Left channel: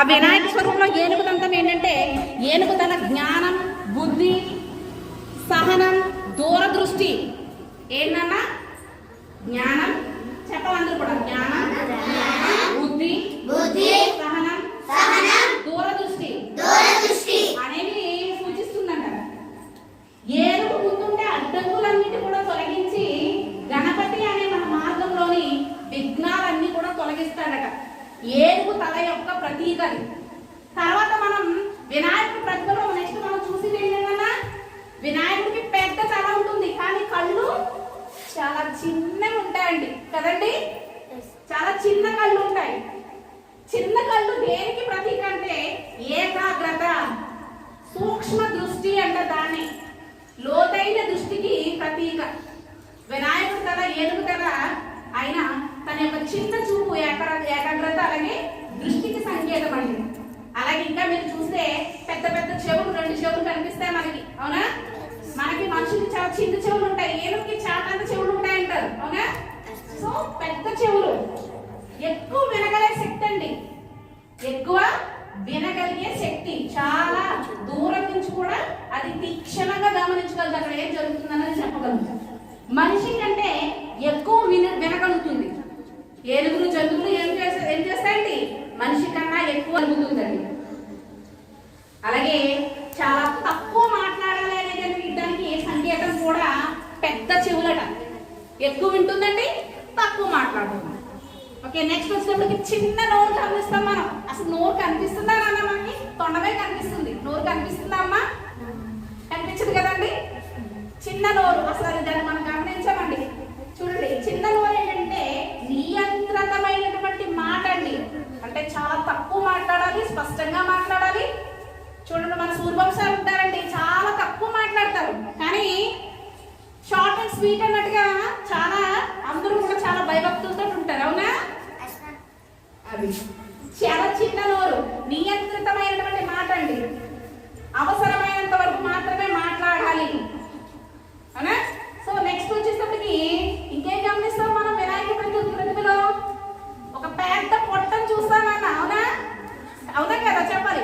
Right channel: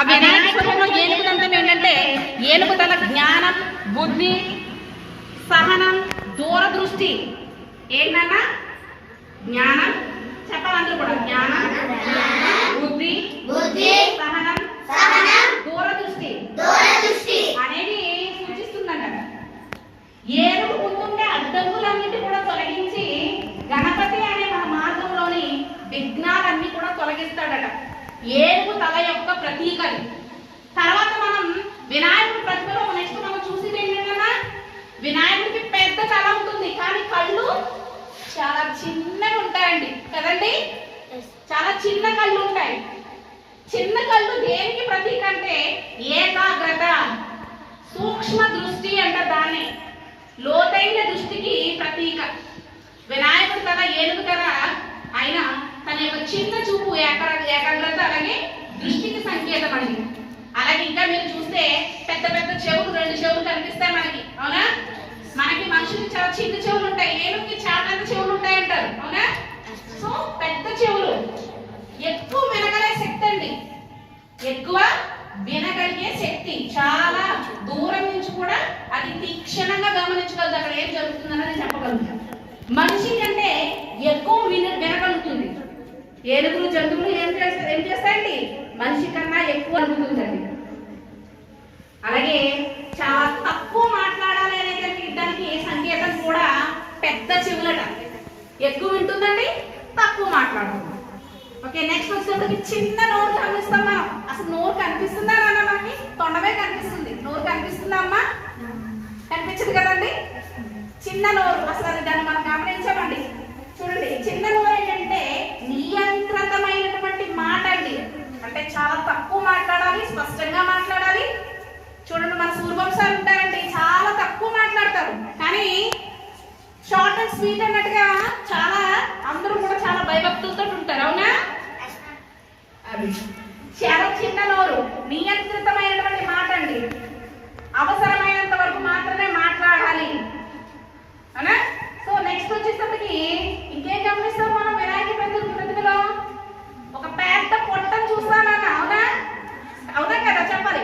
ఆ వినాయక స్వరూపంలో ఏనుగు దంతం ఏంటంటే ఏనుగు తన జ్ఞానం, బుద్ధి, సహనం, దూరదృష్టి ఏంటన్నా జ్ఞానం చెప్పాలందరూ కూడా జ్ఞానం, బుద్ధి, సహనం, దూరదృష్టి అనేవి సూచిస్తుందంట. ఏనుగు ముందుండే అడ్డంకులన్నింటినీ కూడా తొలగించి గణపతి అనే మన మార్గంలోని విఘ్నాలన్నీ కూడా తొలగిస్తాడట. ఏనుగు తల యొక్క ప్రతీక. తర్వాత మనం వినాయకుడి ప్రతిభలో నెక్స్ట్ మనం చూసేది ఏంటన్నా, వినాయకుడికి పెద్ద తల ఉంటుంది కానీ కళ్ళు చాలా చిన్నగా ఉంటాయండి కదండి. చాలా చిన్న కళ్ళు ఉంటాయి. చిన్న కళ్ళు దేనికి ప్రతీక అంటే ఏకాగ్రత, సూక్ష్మ దృష్టి అంటే దాన్ని లోతైన దృష్టికి ప్రతీక. వినాయకుడి తల ఏనుగు తల అయినా తన యొక్క చిన్న చూపు ఏకాగ్రత అలాగే దృష్టికి సంకేతం అండి. అలాగే ఇంకా మీరు చూస్తే పెద్ద పెద్ద చెవులు, 2 చెవులు కనిపిస్తాయి మనకి, అవునా? మనకి మనుషులకి చాలా చిన్న చెవులు ఉంటాయి, ఏనుగుకి చాటంత చెవులు ఉంటాయి అంటారు, అవునా? సో పెద్ద చెవులు ఎక్కువ వినగలిగే శక్తి అండి, ఎక్కువ వినగలిగే శక్తి. చాలా దూరం నుంచి కూడా అది తీక్షణంగా గమనించగలదు అక్కడ ఏం జరుగుతుందన్నది చెప్పగలుగుతాం. మనిషి కంటే ఎక్కువ వినగలుగుతుంది. ఏనుగులు, జంతువులు ఏం చేస్తాయండి మనిషి కన్నా ఎక్కువ అనుకుంటుందండి. అలాగే చాలా తక్కువ మాట్లాడాలి అనేది దానికి సంకేతం కూడా పెద్ద చెవులట. ఎక్కువ వింటుందండి, తక్కువ మాట్లాడుతుంది. ఓకే, నెక్స్ట్ వచ్చినప్పటికి చిన్న నోరు గమనిస్తాం మనం. అసలు నోరు కనిపిస్తుందా నాన్న? మనకి తొండమే కనిపిస్తుంది, నోరు కనిపిస్తుందా అమ్మా? కనిపించదు కదండి. చిన్న నోరు, అసలు అది దాన్ని మనం గమనించామండి. చూడండి, చిన్న నోరు ఏంటంటే నియంత్రితమైనటువంటి మాట అండి. అంటే చాలా తక్కువ మాట్లాడాలి, స్పష్టంగా మాట్లాడాలి. చూడండి, మన సూర్యవంశాలు ఉంటారండి, చాలా తక్కువ మాట్లాడతారు కానీ షార్ట్ అండ్ స్వీట్ అన్నట్టుగా చాలా అందరూ కూడా చాలా భయభక్తులతో ఉంటారు, అవునా? అది చాలా చిన్న నోరు, నియంత్రితమైనటువంటి మాట అండి. అవసరమైనంత వరకు మాత్రమే మాట్లాడాలి, అవునా? సో నెక్స్ట్ వచ్చేసరికి ఇంకేం గమనిస్తాం మనం వినాయకుడి ప్రతిభలో? ఒక పెద్ద పొట్టను చూస్తామన్న, అవునా? అవునా కదా, చెప్పాలి.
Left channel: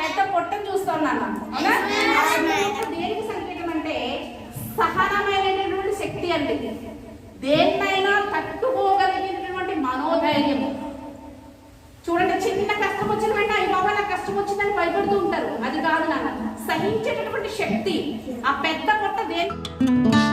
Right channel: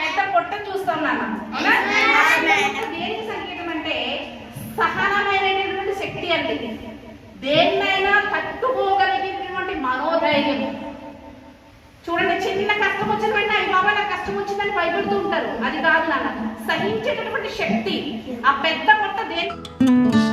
పెద్ద పొట్టను చూస్తాం నాన్న, అవునా? దేనికి సంకేతం అంటే సహనమైనటువంటి శక్తి అండి. దేన్నైనా తట్టుకోగలిగినటువంటి మనోధైర్యం. చూడండి, చిన్న కష్టం వచ్చిన వెంటనే అయ్యి బాబా నాకు కష్టం వచ్చిందని భయపడుతూ ఉంటారు. అది కాదు నాన్న, సహించేటటువంటి శక్తి. ఆ పెద్ద పొట్ట దేని